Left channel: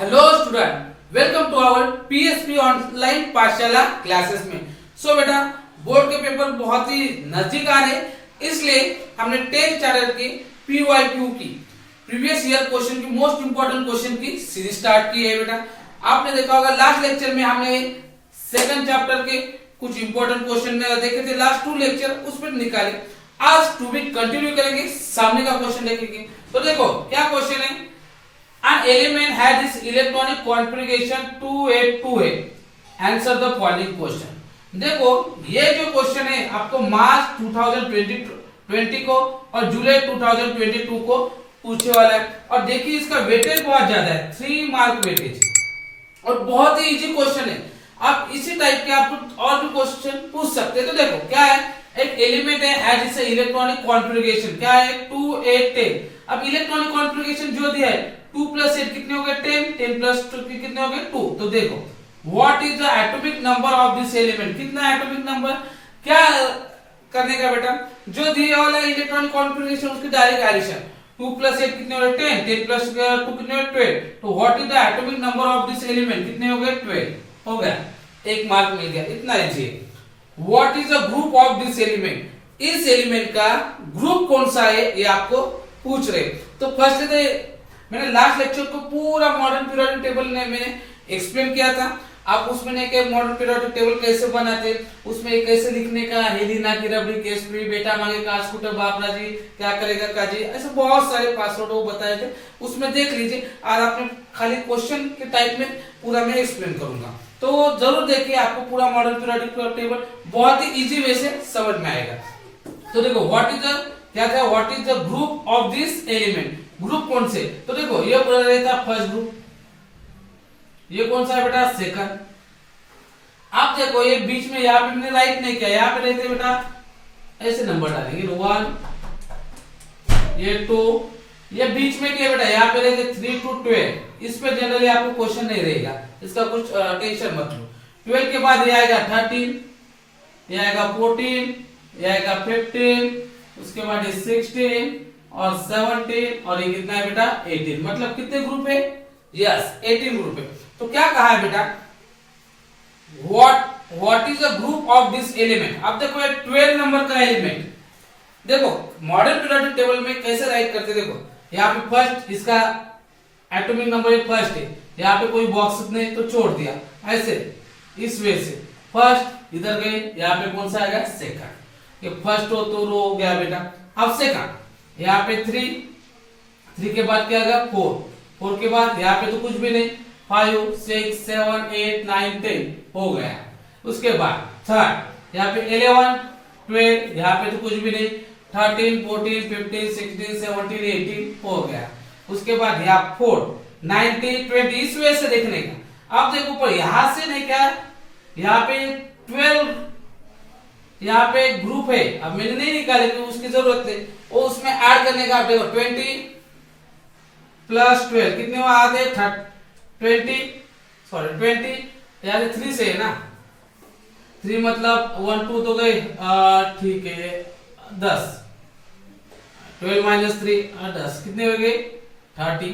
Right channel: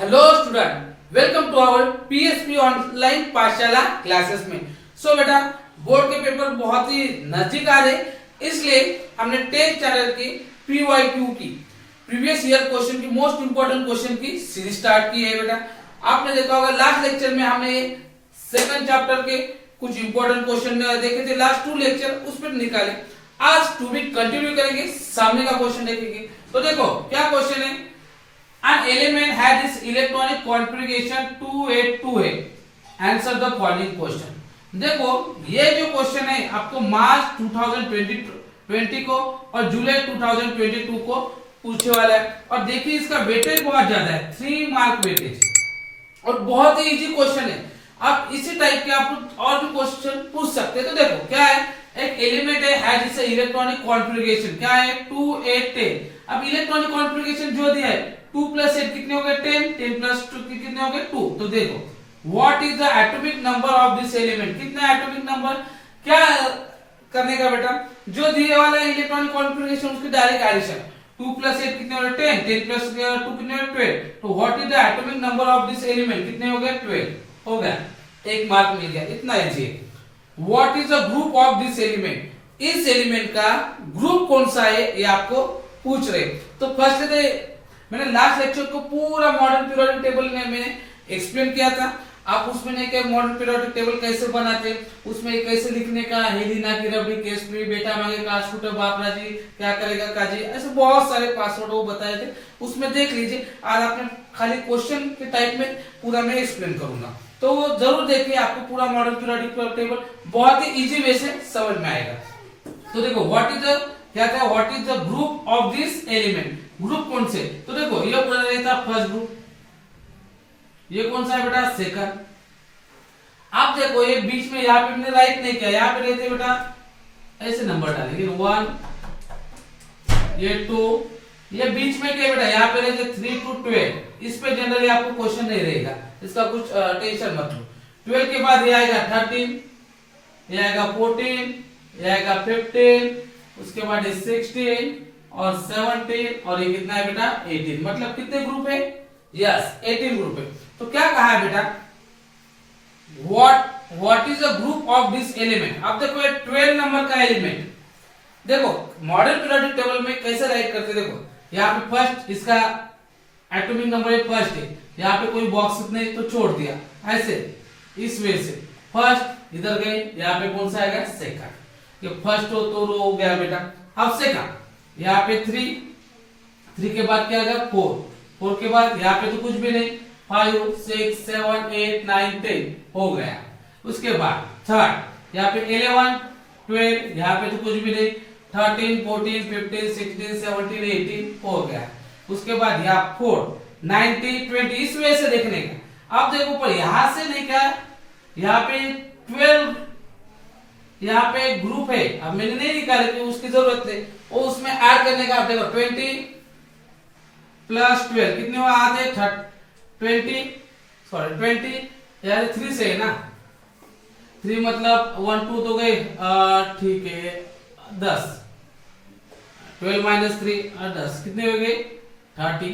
Hello student, welcome to our PSP online पाठशाला classes में। सो बेटा, बोर्ड के पेपर बहुत ही नजदीक आ रहे, इसलिए हमने 10th स्टैंडर्ड की पीवाईक्यू की प्रीवियस ईयर क्वेश्चन की मोस्ट इंपोर्टेंट क्वेश्चन की सीरीज स्टार्ट की है। बेटा, आपने देखा होगा लास्ट लेक्चर में हमने सेकंड चैप्टर के कुछ इंपोर्टेंट क्वेश्चन देखे थे, लास्ट 2 लेक्चर उस पर निकाले। आज टू वीक कंटिन्यू करेंगे, सामने का क्वेश्चन देखेंगे। तो देखो क्या क्वेश्चन है। An element had this electronic configuration 282 है। Answer the following question। देखो ये जो क्वेश्चन है आपको मार्च 2020 को और जुलाई 2022 को पूछने वाला है, और देखिए इसका वेटेज बहुत ज्यादा है, 3 मार्क वेटेज, और बहुत ही इजी क्वेश्चन है। आप इसी टाइप के आपको और भी क्वेश्चन पूछ सकते हैं। तो देखो क्या है, एक एलिमेंट है जिसे इलेक्ट्रॉनिक कॉन्फ़िगरेशन क्या है 280। अब इलेक्ट्रॉनिक कॉन्फ़िगरेशन जो दिया है 2 + 8 कितने हो गए 10, 10 + 2 कितने हो गए 2। तो देखो what is the atomic number of this element, कितना एटॉमिक नंबर क्या करने का बेटा, जो दिया वाला इलेक्ट्रॉनिक कॉन्फ़िगरेशन उसकी डायरेक्ट एडिशन 2 + 8 कितने हो गए 10, 10 + 2 कितने हो गए 12। तो what is the atomic number of this element, कितने हो गए 12, हो गया, 1 मार्क मिल गया, इतना इजी है। What is the group of this element, इस एलिमेंट का ग्रुप कौन सा है ये आपको पूछ रहे। तो फर्स्ट तो मैंने लास्ट लेक्चर को पूरा मॉडर्न पीरियोडिक टेबल ने मैंने एक्सप्लेन किया था। आप उसमें नहीं कि मॉडर्न पीरियोडिक टेबल कैसे बनाते, उसमें कैसे लिखने का, हेलिना की रबड़ी केस फ्री, बेटा मांगे का स्कूटर बापरा जी क्या करेगा काजी, ऐसे बहुत सारे पासवर्ड वो बताए थे, उसमें देख लीजिए। और आपने खाली क्वेश्चन के टाइप में पूरा मैं एक्सप्लेन करूंगा, तो जरूर देखिए, आपको पूरा मॉडर्न पीरियोडिक टेबल बहुत ही इजी वे से समझ में आएगा। तो देखो व्हाट इज द क्या था, what is the group of this element, group कौन से। तो देखो ये पूरा रहता फर्स्ट ग्रुप, ये कौन सा है बेटा सेकंड। आप देखो ये बीच में यहाँ पे मैंने राइट नहीं किया, यहाँ पे रहते बेटा ऐसे नंबर डालेंगे 1, ये 2, ये बीच में क्या बेटा यहाँ पे रहते 3 to 12। इस पे जनरली आपको क्वेश्चन नहीं रहेगा, इसका कुछ टेंशन मत लो। 12 के बाद ये आएगा 13, ये आएगा 14, ये आएगा 15, उसके बाद ये 16 और 17, और ये कितना है बेटा 18। मतलब कितने ग्रुप है, यस 18 ग्रुप है। तो क्या कहा है बेटा, what is the group of this element. अब देखो ये 12 नंबर का एलिमेंट, देखो मॉडर्न पीरियोडिक टेबल में कैसे राइट करते, देखो यहाँ पे फर्स्ट इसका एटॉमिक नंबर फर्स्ट है, यहाँ पे कोई बॉक्स नहीं तो छोड़ दिया ऐसे, इस वे से फर्स्ट इधर गए, यहाँ पे कौन सा आएगा सेकंड। ये फर्स्ट हो तो रो हो गया बेटा। अब सेकंड यहाँ पे 3 के बाद क्या आएगा 4 के बाद यहाँ पे तो कुछ भी नहीं, 5 6 7 8 9 10 हो गया। उसके बाद थर्ड यहाँ पे 11 12, यहाँ पे तो कुछ भी नहीं, 13 14 15 16 17 18 हो गया। उसके बाद यहाँ 4 19 20, इस वजह से देखने का। अब देखो पर यहां से नहीं क्या, यहाँ पे 12 यहाँ पे ग्रुप है, अब मैंने नहीं निकाले तो उसकी जरूरत है, वो उसमें ऐड करने का। आप देखो 20 + 12 कितने हुआ आते 20 यार 3 से है ना, 3 मतलब 1 2 तो गए, ठीक है 10, 12 - 3 10 कितने हो गए 30,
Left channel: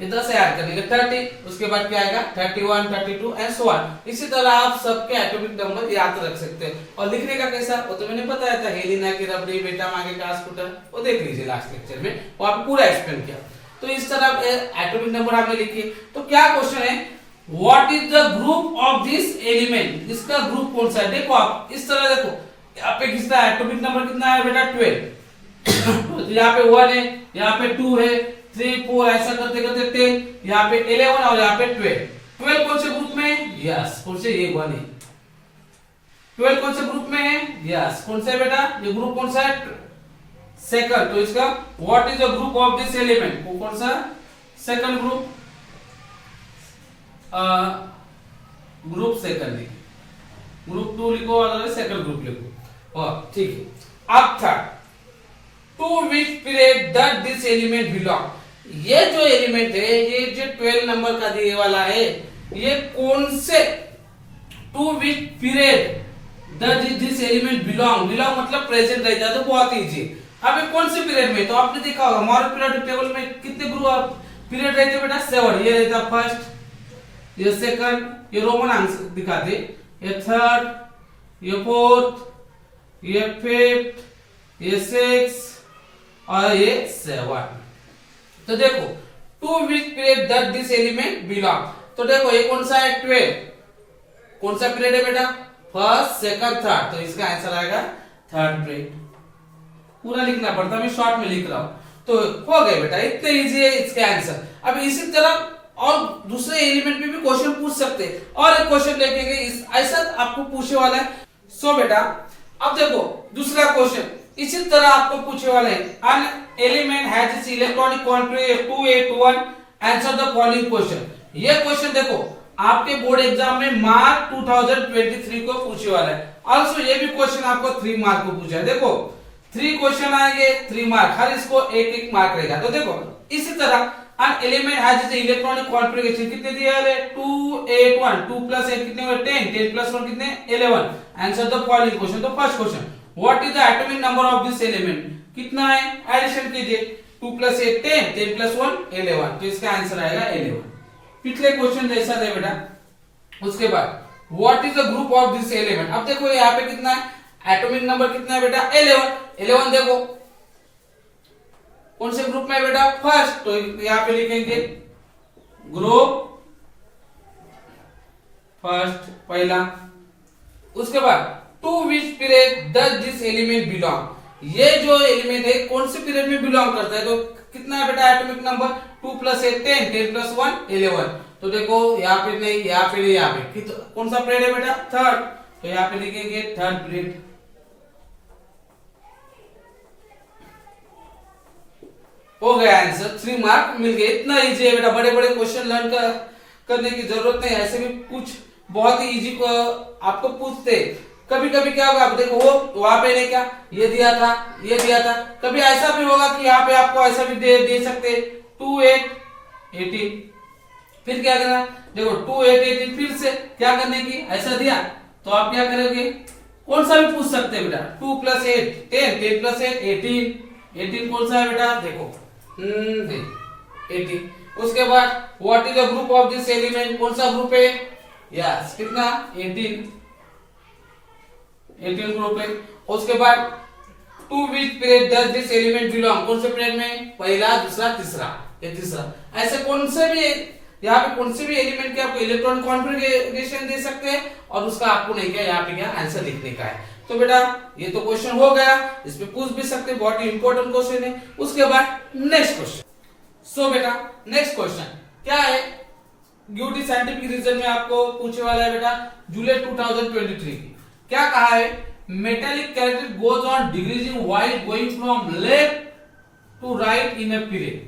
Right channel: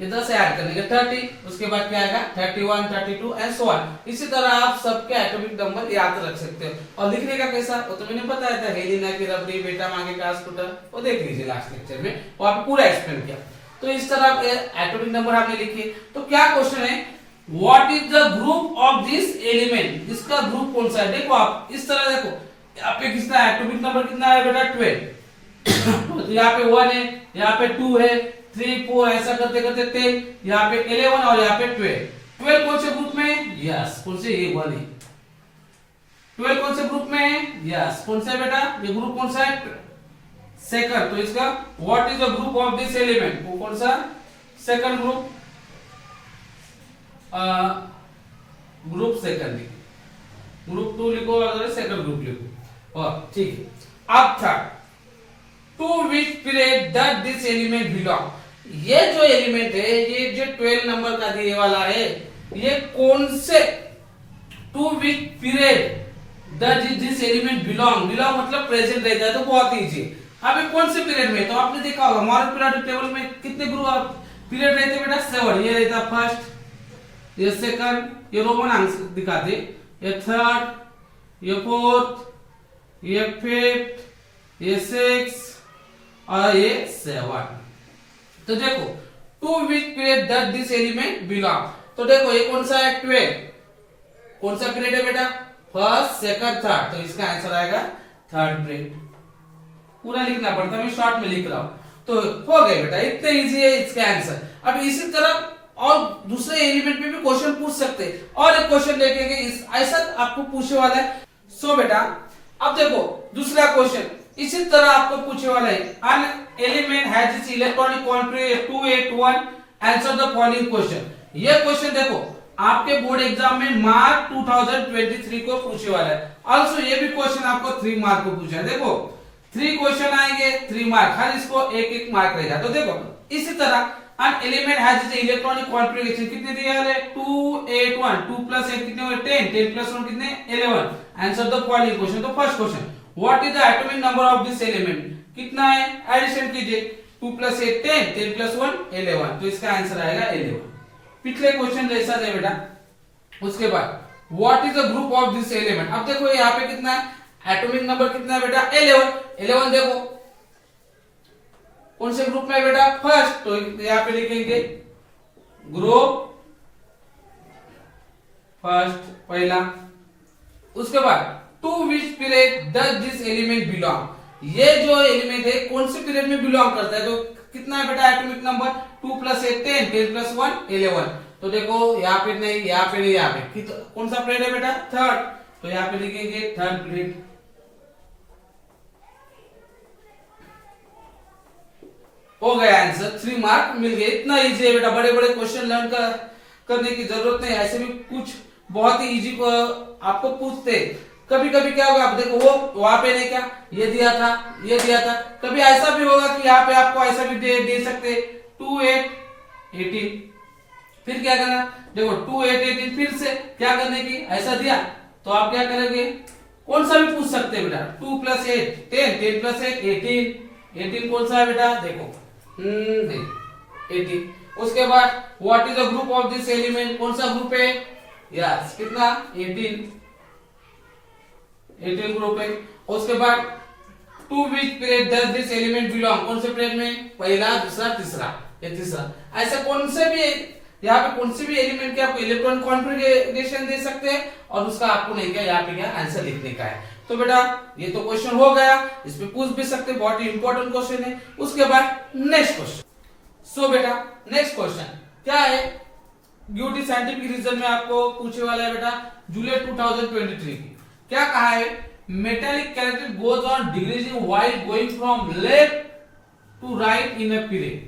ये 10 ऐड करने के 30। उसके बाद क्या आएगा 31 32 एंड सो ऑन। इसी तरह आप सबके एटॉमिक नंबर याद रख सकते हो। और लिखने का कैसा, वो तो मैंने बताया था, हेलिना की रबड़ी, बेटा मांगे का स्कूटर, वो देख लीजिए लास्ट लेक्चर में, वो आपको पूरा एक्सप्लेन किया। तो इस तरह एटॉमिक नंबर आपने लिखी। तो क्या क्वेश्चन है, what is the group of this element, इसका ग्रुप कौन सा है। देखो आप इस तरह देखो, यहाँ पे किसका एटॉमिक नंबर कितना है बेटा 12। तो यहाँ पे 1 है, यहाँ पे 2 है, 3 4 ऐसा करते करते 10, यहाँ पे 11 और यहाँ पे 12 कौन से ग्रुप में है, यस कौन से, ये 1 है। 12 कौन से ग्रुप में है, यस कौन सा बेटा, ये ग्रुप कौन सा है सेकंड। तो इसका what is the group of this element, वो कौन सा second group, group second, group 2 लिखो और सेकंड ग्रुप लिखो, ठीक है। अब third, to which period does this element belong, ये जो एलिमेंट है, ये जो 12 नंबर का दिए वाला है, ये कौन से to which period does this element belong, belong मतलब प्रेजेंट रहता है, तो बहुत इजी। अब कौन से पीरियड में, तो आपने देखा होगा मॉडर्न पीरियोडिक टेबल में कितने ग्रुप पीरियड रहते बेटा 7, ये रहता फर्स्ट, ये सेकंड, ये रोमन अंक दिखाते, ये थर्ड, ये फोर्थ, ये फिफ्थ, ये सिक्स और ये 7। तो देखो to which period does this element belong. तो देखो ये कौन सा है 12, कौन सा पीरियड है बेटा फर्स्ट सेकंड थर्ड, तो इसका आंसर आएगा थर्ड पीरियड। पूरा लिखना पड़ता, मैं शॉर्ट में लिख रहा हूं। तो हो गए बेटा, इतने इजी है इसका आंसर। अब इसी तरह और दूसरे एलिमेंट में भी क्वेश्चन पूछ सकते हैं, और एक क्वेश्चन देखेंगे ऐसा आपको पूछने वाला है। सो बेटा अब देखो दूसरा क्वेश्चन इसी तरह आपको पूछने वाला है, an element has its electronic configuration 281, answer the following question. ये क्वेश्चन देखो आपके बोर्ड एग्जाम में मार्च 2023 को पूछने वाला है। ऑल्सो ये भी क्वेश्चन आपको 3 मार्क को पूछा है। देखो 3 क्वेश्चन आएंगे 3 मार्क, हर इसको एक एक मार्क रहेगा। तो देखो इसी तरह an element has its electronic configuration कितने दिया है 281, 2 प्लस 8 कितने हुए 10, 10 प्लस 1 कितने 11, आंसर द फॉलोइंग क्वेश्चन। तो first question what is the atomic number of this element, कितना है एडिशन कीजिए 2 प्लस 8 10, 10 प्लस 1 11, तो इसका आंसर आएगा 11। पिछले क्वेश्चन जैसा है बेटा। उसके बाद what is the group of this element. अब देखो यहाँ पे कितना है एटॉमिक नंबर कितना है बेटा 11 देखो कौन से ग्रुप में है बेटा फर्स्ट, तो यहाँ पे लिखेंगे ग्रुप फर्स्ट पहला। उसके बाद to which period does this element belong, ये जो एलिमेंट है कौन से पीरियड में बिलोंग करता है। तो कितना है बेटा एटॉमिक नंबर 2 प्लस 8 10, 10 प्लस 1 11। तो देखो यहाँ पे नहीं, यहाँ पे नहीं, यहाँ पे कौन सा पीरियड है बेटा थर्ड, तो यहाँ पे लिखेंगे थर्ड पीरियड। हो गया आंसर, 3 मार्क मिल गए। इतना इजी है बेटा, बड़े बड़े क्वेश्चन लर्न करने की जरूरत नहीं, ऐसे भी कुछ बहुत ही इजी आपको पूछते। कभी कभी क्या होगा, आप देखो वो वहां पे नहीं क्या ये दिया था, ये दिया था, कभी ऐसा भी होगा कि यहाँ पे आपको ऐसा भी दे सकते 2 8 18, फिर क्या करना देखो 2 8 18 फिर से क्या करने की ऐसा दिया तो आप क्या करेंगे कौन सा भी पूछ सकते हैं बेटा 2 प्लस 8 10, 10 प्लस 8 18, 18 कौन सा है बेटा देखो 18। उसके बाद what is the group of this element, कौन सा ग्रुप है यस कितना 18 ग्रुप है। उसके बाद to which period does this element belong, कौन से पीरियड में पहला दूसरा तीसरा, ये तीसरा। ऐसे कौन से भी यहाँ पे कौन से भी एलिमेंट के आपको इलेक्ट्रॉन कॉन्फ़िगरेशन दे सकते हैं और उसका आपको नहीं क्या यहाँ पे क्या आंसर लिखने का है। तो बेटा ये तो क्वेश्चन हो गया, इसमें पूछ भी सकते हैं, बहुत ही इंपॉर्टेंट क्वेश्चन है। उसके बाद नेक्स्ट क्वेश्चन। सो बेटा नेक्स्ट क्वेश्चन क्या है, ड्यूटी साइंटिफिक रीजन में आपको पूछने वाला है बेटा जुलाई 2023 की। क्या कहा है, metallic character goes on decreasing while going from left to right in a period.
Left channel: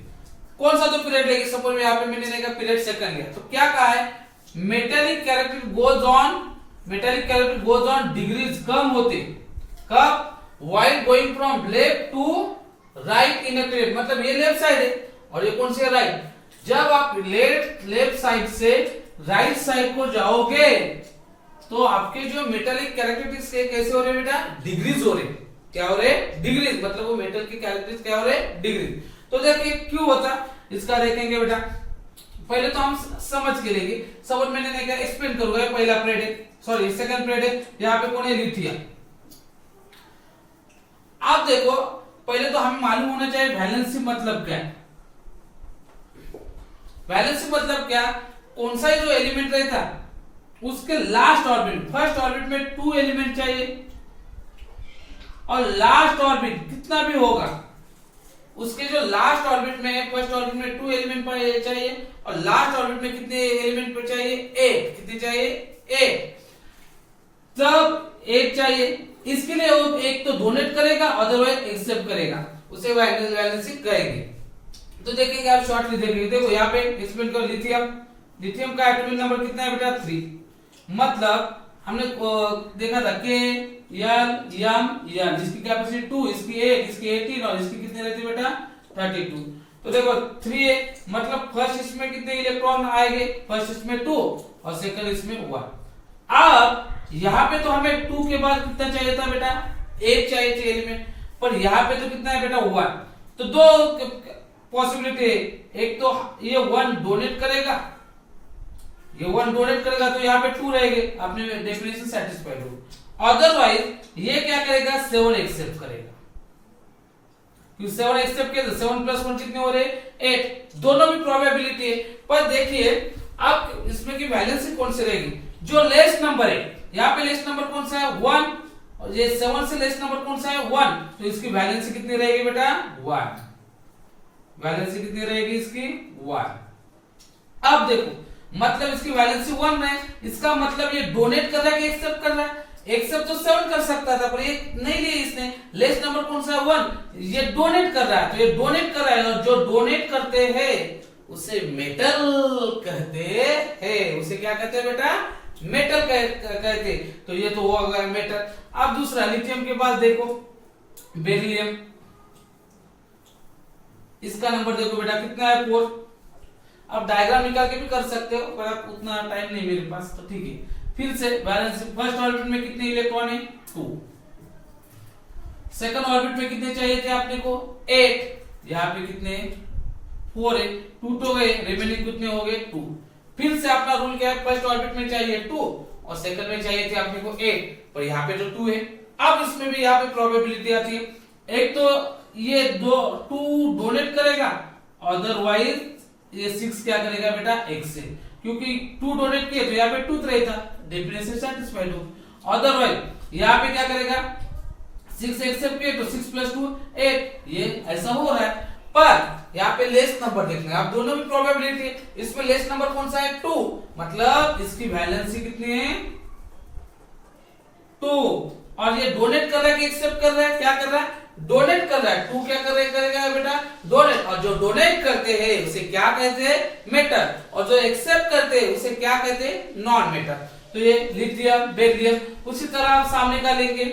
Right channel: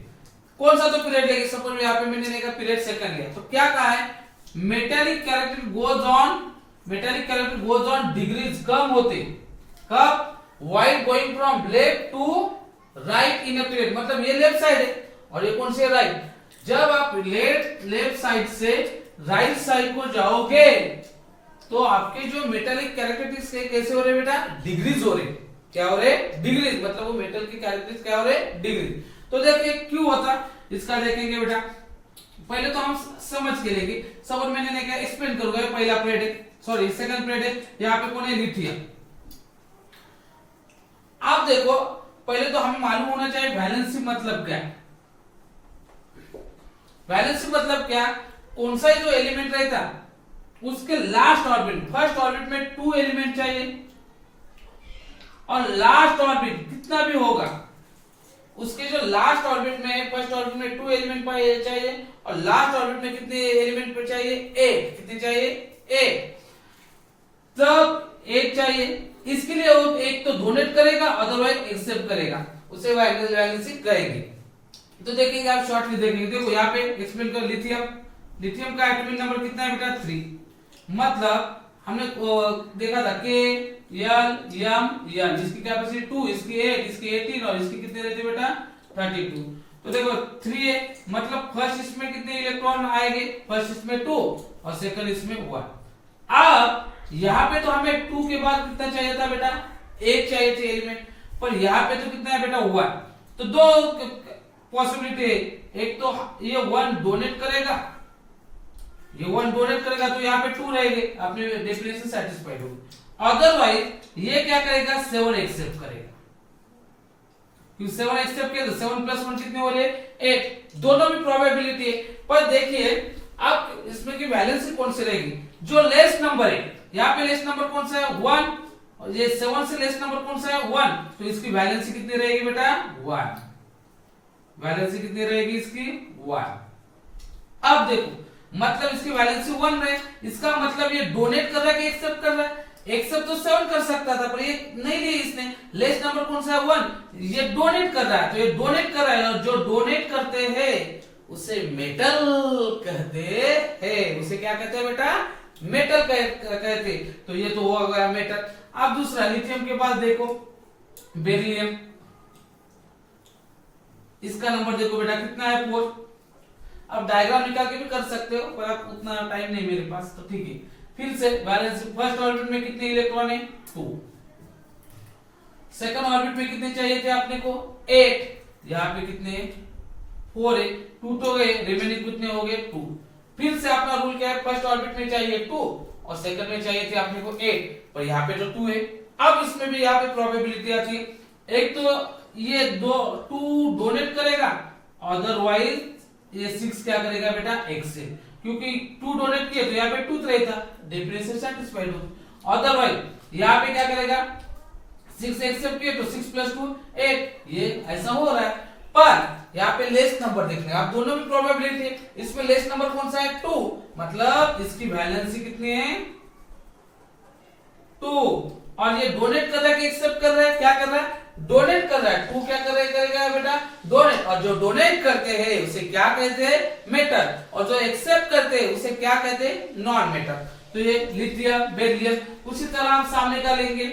कौन सा तो पीरियड लेंगे, सपोज यहाँ पे मैंने देखा पीरियड सेकंड लिया, तो क्या कहा है metallic character goes on degrees कम होते कब, while going from left to right in a period, मतलब ये लेफ्ट साइड है और ये कौन सी है राइट। जब आप लेफ्ट साइड से राइट साइड को जाओगे तो आपके जो मेटालिक कैरेक्टरिस्टिक्स कैसे हो रहे बेटा डिग्रीज हो रहे, क्या हो रहे डिग्रीज, मतलब वो मेटल की कैरेक्टरिस्टिक्स क्या हो रहे डिग्रीज। तो देखिए क्यों होता इसका देखेंगे बेटा, पहले तो हम समझ के लेंगे। सब मैंने नहीं क्या एक्सप्लेन करूंगा, पहला पीरियड है सॉरी सेकंड पीरियड है, यहाँ पे कौन है लिथियम। आप देखो पहले तो हमें मालूम होना चाहिए वैलेंसी मतलब क्या है। वैलेंसी मतलब क्या, कौन सा जो एलिमेंट रहता उसके लास्ट ऑर्बिट, फर्स्ट ऑर्बिट में 2 एलिमेंट चाहिए और लास्ट ऑर्बिट कितना भी होगा उसके जो लास्ट ऑर्बिट में, फर्स्ट ऑर्बिट में 2 एलिमेंट चाहिए और लास्ट ऑर्बिट में कितने एलिमेंट पर चाहिए 8, कितने चाहिए 8, तब 8 चाहिए। इसके लिए वो एक तो डोनेट करेगा अदरवाइज एक्सेप्ट करेगा, उसे वैलेंसी कहेंगे। तो देखेंगे आप शॉर्टली देखेंगे, देखो यहाँ पे एक्सप्लेन करो लिथियम का एटॉमिक नंबर कितना है बेटा 3, मतलब हमने देखा था के एल एम एन, जिसकी कैपेसिटी 2, इसकी 8, इसकी 18 और इसकी कितने रहती है बेटा 32। तो देखो 3 है, मतलब फर्स्ट इसमें कितने इलेक्ट्रॉन आएंगे, फर्स्ट इसमें 2 और सेकंड इसमें 1। अब यहाँ पे तो हमें 2 के बाद कितना चाहिए था बेटा 8 चाहिए थे एलिमेंट, पर यहाँ पे तो कितना है बेटा 1, तो 2 पॉसिबिलिटी है, एक तो ये 1 डोनेट करेगा, ये 1 डोनेट करेगा तो यहाँ पे 2 रहेंगे, अपने डेफिनेशन सेटिस्फाइड होगी। अदरवाइज ये क्या करेगा, 7 एक्सेप्ट करेगा, क्योंकि 7 एक्सेप्ट किया तो 7 + 1 कितने हो रहे, 8। दोनों भी प्रोबेबिलिटी है, पर देखिए अब इसमें की वैलेंसी कौन सी रहेगी, जो लेस नंबर है, यहाँ पे लेस नंबर कौन सा है 1, और ये 7 से लेस नंबर कौन सा है 1, तो इसकी वैलेंसी कितनी रहेगी बेटा 1, वैलेंसी कितनी रहेगी इसकी 1। अब देखो मतलब इसकी वैलेंसी 1 है, इसका मतलब ये डोनेट कर रहा है कि एक्सेप्ट कर रहा है, एक्सेप्ट तो 7 कर सकता था पर ये नहीं लिया इसने, लेस नंबर कौन सा है 1, ये डोनेट कर रहा है, तो ये डोनेट कर रहा है, और जो डोनेट करते हैं उसे मेटल कहते हैं, उसे क्या कहते हैं बेटा, मेटल कहते, तो ये तो हो गया मेटल। अब दूसरा लिथियम के पास देखो बेरिलियम, इसका नंबर देखो बेटा कितना है 4। अब डायग्राम निकाल के भी कर सकते हो, पर अब उतना टाइम नहीं मेरे पास, तो ठीक है। फिर से वैलेंसी फर्स्ट ऑर्बिट में कितने इलेक्ट्रॉन है 2, सेकंड ऑर्बिट में कितने चाहिए थे आपने को 8, यहाँ पे कितने 4 है, 2 तो गए, रिमेनिंग कितने हो गए 2। फिर से अपना रूल क्या है, फर्स्ट ऑर्बिट में चाहिए 2 और सेकंड में चाहिए थे अपने को 8, पर यहाँ पे तो 2 है। अब इसमें भी यहाँ पे प्रोबेबिलिटी आती है, एक तो ये 2 डोनेट करेगा, अदरवाइज ये 6 क्या करेगा बेटा एक्सेप्ट, क्योंकि 2 डोनेट किए तो यहाँ पे 2 रहेगा, डेफिनेशन सेटिस्फाइड हो। अदरवाइज यहाँ पे क्या करेगा 6 एक्सेप्ट किए तो 6 + 2 8, ये ऐसा हो रहा है। पर यहाँ पे लेस नंबर देखना है, आप दोनों भी प्रोबेबिलिटी है, इसमें लेस नंबर कौन सा है 2, मतलब इसकी वैलेंसी कितनी है 2, और ये डोनेट कर रहा है कि एक्सेप्ट कर रहा है, क्या कर रहा है डोनेट कर रहा है, 2 क्या करेगा बेटा डोनेट, और जो डोनेट करते हैं उसे क्या कहते हैं मेटल, और जो एक्सेप्ट करते हैं उसे क्या कहते हैं नॉन मेटल। तो ये लिथियम बेरिलियम। उसी तरह हम सामने का लेंगे,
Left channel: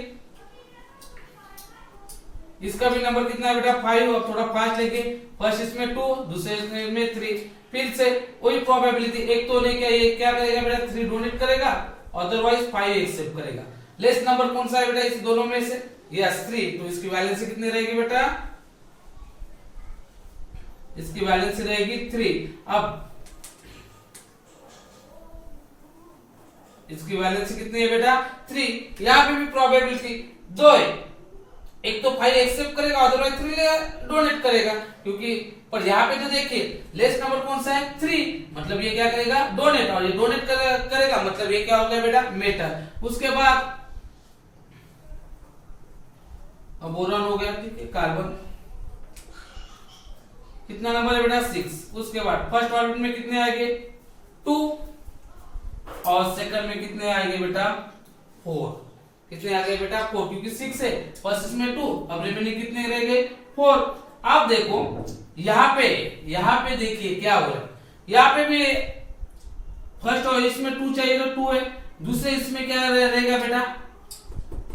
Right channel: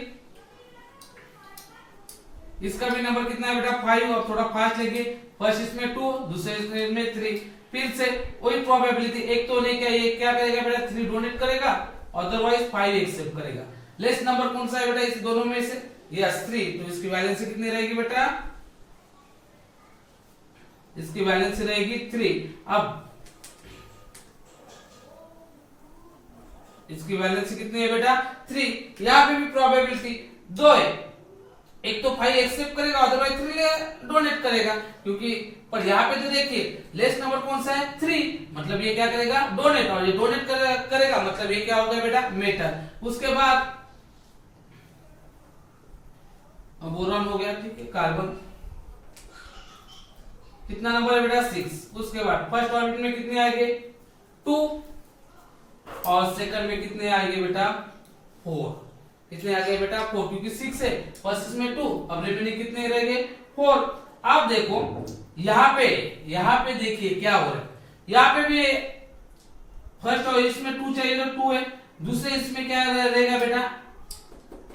इसका भी नंबर कितना है बेटा 5, और थोड़ा फास्ट लेंगे, फर्स्ट इसमें 2, दूसरे इसमें 3, फिर से वही प्रोबेबिलिटी, एक तो नहीं क्या, ये क्या करेगा बेटा 3 डोनेट करेगा, अदरवाइज 5 एक्सेप्ट करेगा। लेस नंबर कौन सा है बेटा इस दोनों में से, यस 3, तो इसकी वैलेंसी कितनी रहेगी बेटा, इसकी वैलेंसी रहेगी 3। अब इसकी वैलेंसी कितनी है बेटा 3, यहां पे भी प्रोबेबिलिटी 2 है, एक तो 5 एक्सेप्ट करेगा, अदरवाइज 3 डोनेट करेगा, क्योंकि पर यहाँ पे तो देखिए लेस नंबर कौन सा है 3, मतलब ये क्या करेगा डोनेट, और ये डोनेट करेगा मतलब ये क्या हो गया बेटा मेटल। उसके बाद अब बोरॉन हो गया, ठीक है, कार्बन कितना नंबर है बेटा 6। उसके बाद फर्स्ट ऑर्बिट में कितने आएंगे 2, और सेकंड में कितने आएंगे बेटा 4, कितने आ गए बेटा 4, क्योंकि 6 है, फर्स्ट इसमें 2, अब रिमेनिंग कितने रह गए 4। अब देखो यहाँ पे देखिए क्या हो रहा है, यहाँ पे भी फर्स्ट और इसमें 2 चाहिए तो 2 है, दूसरे इसमें क्या रहेगा बेटा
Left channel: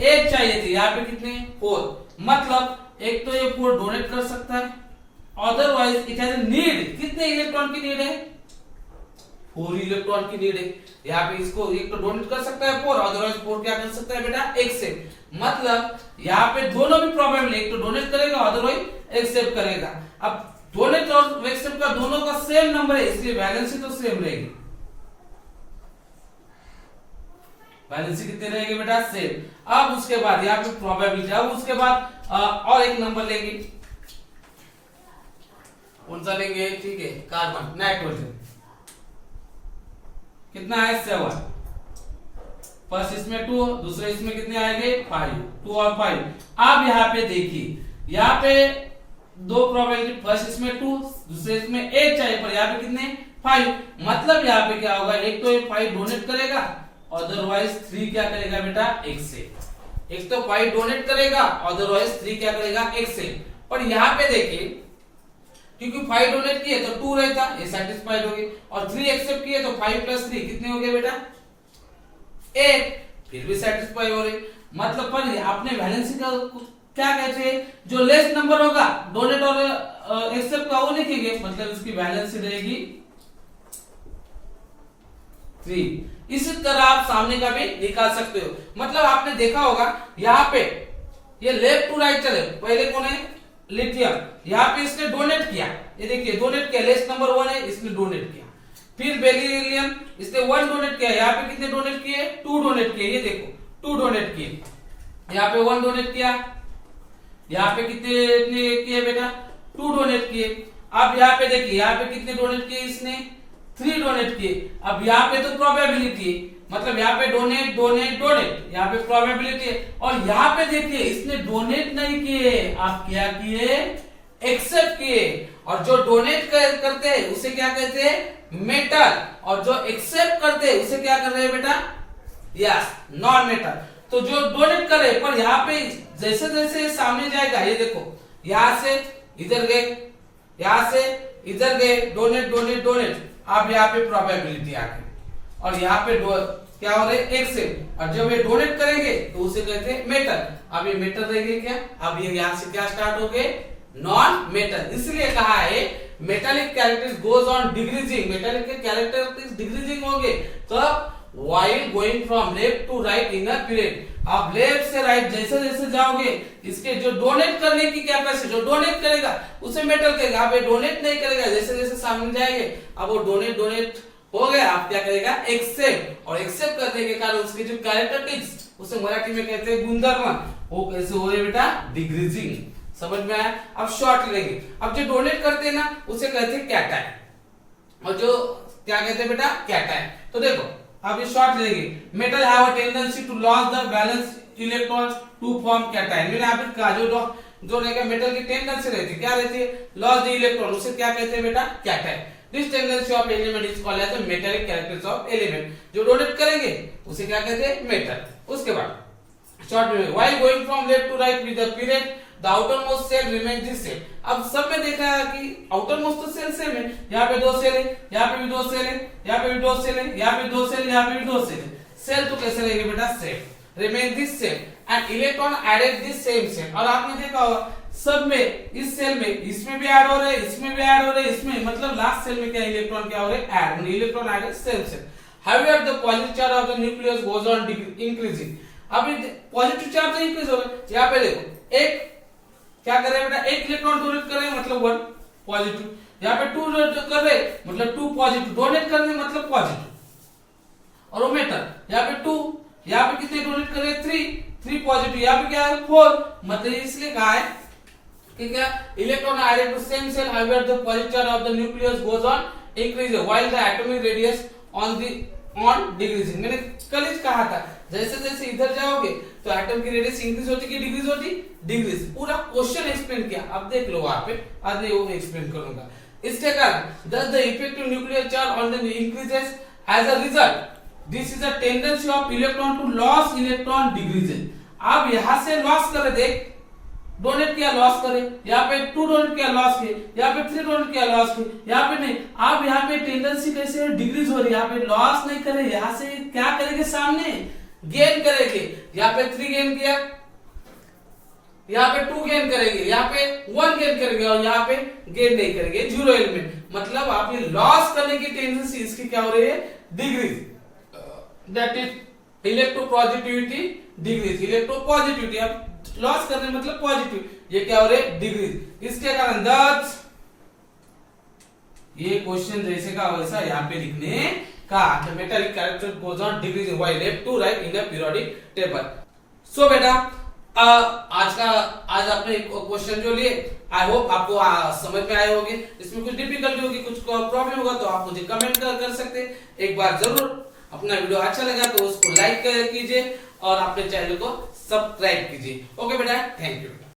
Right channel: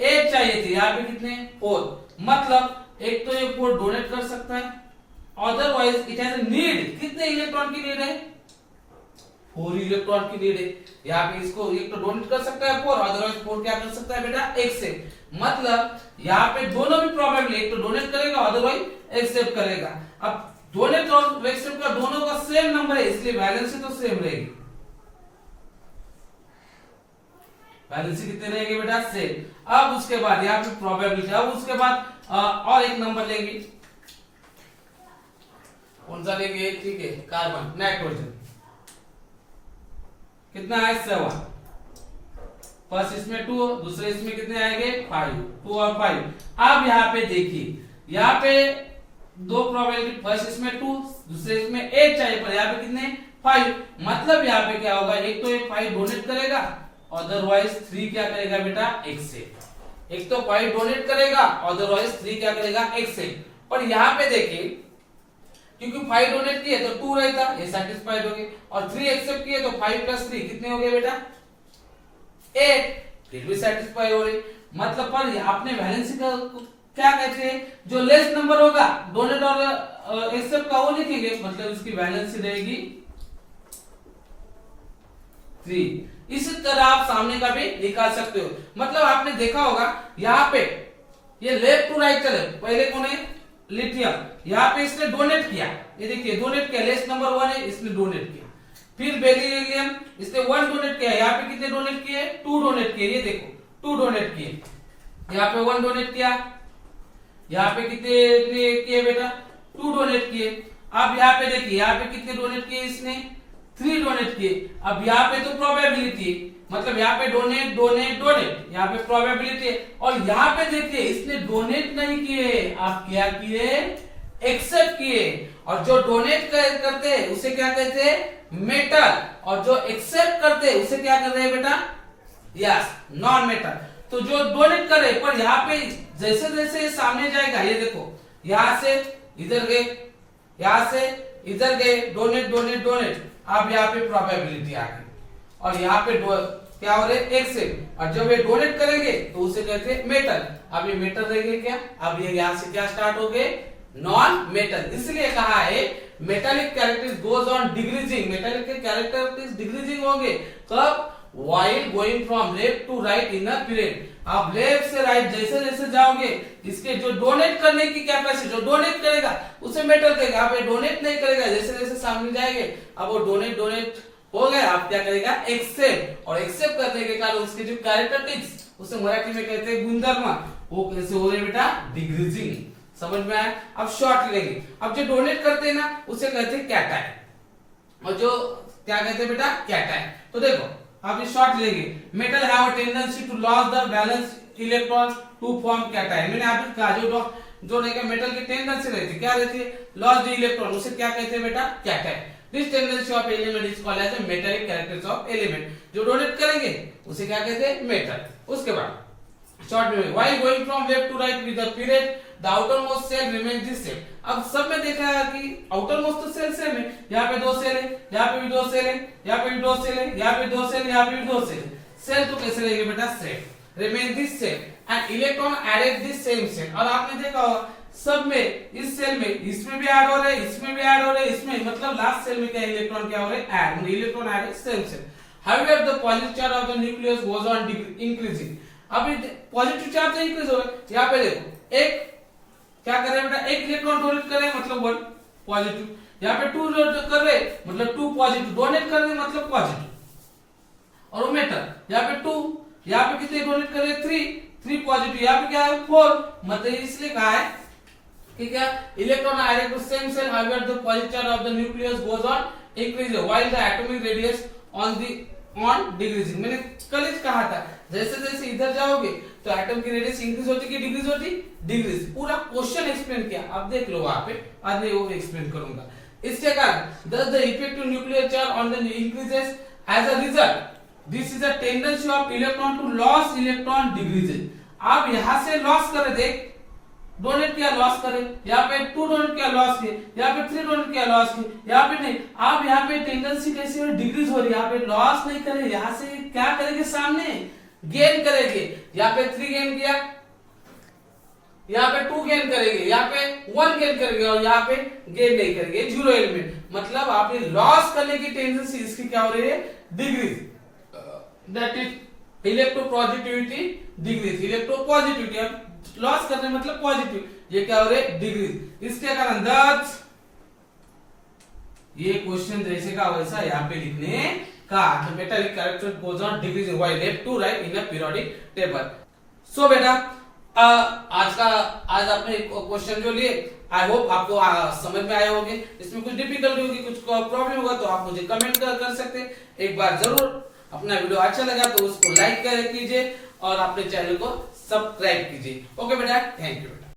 8 चाहिए थे, यहाँ पे कितने 4, मतलब एक तो ये 4 डोनेट कर सकता है, अदरवाइज इट हैज नीड, कितने इलेक्ट्रॉन की नीड है 4 इलेक्ट्रॉन की नीड है। यहाँ पे इसको एक तो डोनेट कर सकता है 4, अदरवाइज 4 क्या कर सकता है बेटा एक्सेप्ट, मतलब यहाँ पे दोनों भी प्रोबेबल, एक तो डोनेट करेगा अदरवाइज एक्सेप्ट करेगा। अब डोनेट और एक्सेप्ट का दोनों का सेम नंबर है, इसलिए वैलेंसी तो सेम रहेगी, वैलेंसी कितने रहेगी बेटा सेम। अब उसके बाद यहाँ पे प्रोबेबिलिटी, अब उसके बाद और एक नंबर लेंगे, कौन सा लेंगे, ठीक है कार्बन नाइट्रोजन, कितना है 7, फर्स्ट इसमें 2, दूसरे इसमें कितने आएंगे 5, 2 और 5। अब यहाँ पे देखिए, यहाँ पे दो प्रोबेबिलिटी, फर्स्ट इसमें 2, दूसरे इसमें 8 चाहिए, पर यहाँ पे कितने 5, मतलब यहाँ पे क्या होगा, एक तो ये 5 डोनेट करेगा, अदरवाइज 3 क्या करेगा बेटा एक्सेप्ट, एक तो 5 डोनेट करेगा, अदरवाइज 3 क्या करेगा एक्सेप्ट। पर यहाँ पे देखिए क्योंकि 5 डोनेट किए तो 2 रहता, ये सेटिस्फाइड हो गई, और 3 एक्सेप्ट किए तो 5 + 3 कितने हो गए बेटा 8, फिर भी सेटिस्फाई हो रही, मतलब पर आपने वैलेंसी का क्या कहते हैं, जो लेस नंबर होगा डोनेट और एक्सेप्ट का वो लिखेंगे, मतलब इसकी वैलेंसी रहेगी 3। इसी तरह आप सामने का भी निकाल सकते हो, मतलब आपने देखा होगा यहाँ पे ये लेफ्ट टू राइट चले, पहले कौन है लिथियम, यहाँ पे इसने डोनेट किया, ये देखिए डोनेट किया, लिस्ट नंबर 1 है, इसने डोनेट किया। फिर बेरिलियम, इसने 1 डोनेट किया, यहाँ पे कितने डोनेट किए, 2 डोनेट किए, ये देखो 2 डोनेट किए, यहाँ पे 1 डोनेट किया, यहाँ पे कितने किए बेटा, 2 डोनेट किए। अब यहाँ पे देखिए, यहाँ पे कितने डोनेट किए इसने, 3 डोनेट किए। अब यहाँ पे तो प्रोबेबिलिटी है, मतलब यहाँ पे डोनेट डोनेट डोनेट, यहाँ पे प्रोबेबिलिटी है। और यहाँ पे देखिए इसने डोनेट नहीं किए, आप क्या किए, एक्सेप्ट किए। और जो डोनेट करते हैं उसे क्या कहते हैं, मेटल, और जो एक्सेप्ट करते हैं उसे क्या कर रहे हैं बेटा, यस, नॉन मेटल। तो जो डोनेट करे, पर यहाँ पे जैसे जैसे सामने जाएगा, ये देखो यहां से इधर गए, यहां से इधर गए, डोनेट डोनेट डोनेट, अब यहाँ पे प्रोबेबिलिटी आ गई, और यहाँ पे क्या हो रहे, एक्सेप्ट। और जब ये डोनेट करेंगे तो उसे कहते हैं मेटल। अब ये मेटल रहेंगे क्या, अब ये यहाँ से क्या स्टार्ट हो गए, नॉन मेटल। इसलिए कहा है metallic characters goes on decreasing, metallic के कैरेक्टरिस्टिक्स डिक्रीजिंग होंगे कब, while going from left to right in a period। आप लेफ्ट से राइट जैसे जैसे जाओगे, इसके जो डोनेट करने की कैपेसिटी, जो डोनेट करेगा उसे मेटल कहेगा। आप डोनेट नहीं करेगा, जैसे जैसे सामने जाएंगे, अब वो डोनेट डोनेट हो गया, आप क्या करेगा, एक्सेप्ट। और एक्सेप्ट करने के कारण उसके जो कैरेक्टरिस्टिक्स, उसे मराठी में कहते हैं गुणधर्म, वो कैसे हो रहे बेटा, डिक्रीजिंग। समझ में आया। अब शॉर्ट लेंगे, अब जो डोनेट करते हैं ना उसे कहते हैं कैटायन, और जो क्या कहते हैं बेटा, कैटायन। तो देखो अब ये शॉर्ट लेंगे, metal have a tendency to lose the balance electrons to form cation. मैंने आपको कहा जो मेटल की टेंडेंसी रहती है, क्या रहती है, लॉस द इलेक्ट्रॉन, उसे क्या कहते हैं बेटा, cation. This tendency of element is called as the metallic characters of element. जो डोनेट करेंगे उसे क्या कहते हैं, मेटल। उसके बाद शॉर्ट में, while going from left to right with the period the outermost shell remains the same. अब सब में देखा है कि आउटरमोस्ट तो सेल सेम है, यहाँ पे 2 सेल है, यहाँ पे भी 2 सेल है, यहाँ पे भी 2 सेल है, यहाँ पे 2 सेल, यहाँ पे भी 2 सेल है। सेल तो कैसे रहेंगे बेटा, same, remain this same and electron added this same shell. और आपने देखा होगा सब में, इस सेल में, इसमें भी ऐड हो रहे हैं, इसमें भी ऐड हो रहे हैं, इसमें, मतलब लास्ट सेल में क्या इलेक्ट्रॉन क्या हो रहे हैं, add, electron added same shell. However the positive charge of the nucleus goes on increasing. अभी पॉजिटिव चार्ज तो इंक्रीज हो रहा है, यहाँ पे देखो एक क्या कर रहे हैं बेटा, एक इलेक्ट्रॉन डोनेट कर रहे हैं मतलब 1 पॉजिटिव, यहाँ पे 2 कर रहे हैं मतलब 2 पॉजिटिव, डोनेट कर रहे हैं मतलब पॉजिटिव। और वो मेटल, यहाँ पे 2, यहाँ पे कितने डोनेट कर रहे हैं, 3 पॉजिटिव, यहाँ पे क्या है 4, मतलब इसलिए कहा है कि क्या, electron added to same shell however the positive charge of the nucleus goes on increase while the atomic radius on decreasing. मैंने कल ही कहा था, जैसे जैसे इधर जाओगे तो एटम की रेडियस इंक्रीज होती कि डिक्रीज होती, डिक्रीज। पूरा क्वेश्चन एक्सप्लेन किया, आप देख लो वहां पे, आज मैं वो एक्सप्लेन करूंगा। इसके कारण thus the effective nuclear charge on the increases as a result this is a tendency of electron to loss electron decreases। आप यहां से लॉस करे, देख डोनेट किया लॉस करे, यहाँ पे 2 डोनेट किया लॉस किए, यहाँ पे 3 डोनेट किया लॉस किए, यहाँ पे नहीं। आप यहाँ पे टेंडेंसी कैसे डिक्रीज हो रही है, यहाँ पे लॉस नहीं करे, यहाँ से क्या करेंगे, सामने गेन करेंगे। यहाँ पे 3 गेन किया, यहाँ पे 2 गेन करेंगे, यहाँ पे 1 गेन करेंगे, और यहाँ पे गेन नहीं करेंगे, 0 एलिमेंट। मतलब आप ये लॉस करने की टेंडेंसी इसकी क्या हो रही है, decrease. That is electropositivity decrease, electropositivity आप लॉस करने मतलब पॉजिटिव, ये क्या हो रहे, डिक्रीज। इसके कारण दस ये क्वेश्चन जैसे का वैसा यहाँ पे लिखने का, the metallic character goes on decreasing while left to right in a periodic table. So बेटा आज आपने क्वेश्चन जो लिए, आई होप आपको समझ में आए होंगे। इसमें कुछ डिफिकल्टी होगी, कुछ प्रॉब्लम होगा तो आप मुझे कमेंट कर सकते। एक बार जरूर अपना वीडियो अच्छा लगा तो उसको लाइक कीजिए और अपने चैनल को सब्सक्राइब कीजिए। ओके बेटा, थैंक यू बेटा।